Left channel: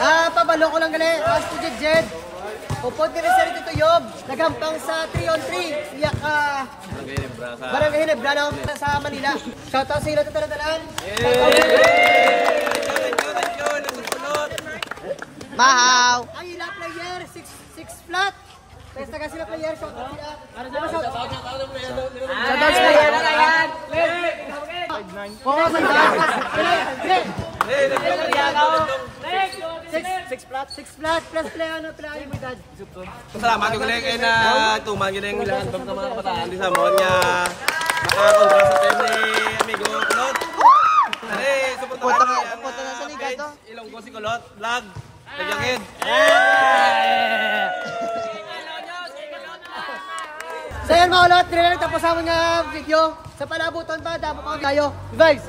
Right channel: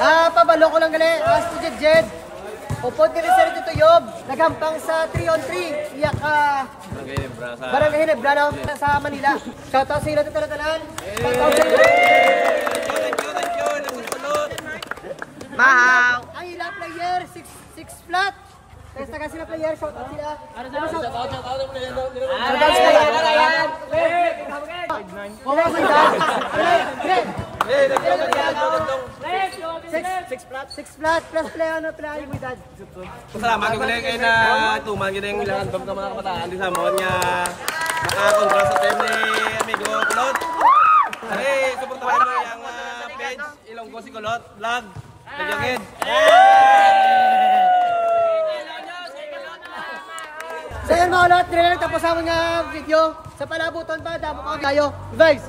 Pabalo ko lang gali. Student Jed. Upod ka rin sa rito Yob. Nagampang sa 3-on-3. Iyak ka. Barangay Hinebra no? Sa Manila. Shoutout sa ilo ito talatalan. Mahaw. Ang ila player, 6 flat. Testa ka sila player, shoutout sila. Shoutout sa player. Kuha mo dad. 6 flat plus play ano play mo dad. Salamat ko lang kay na tuman gyud ang ilang album ka mga kabataan di samon nya makakontra sa team ni amigo Kulot. Ari, suportahan mo yang page Ilonggo si Kulot vlog. Pagyan. So yun mga Kulot, dire lang tapos ang video. Sa palabuton pa damo ka kayo. Vibes.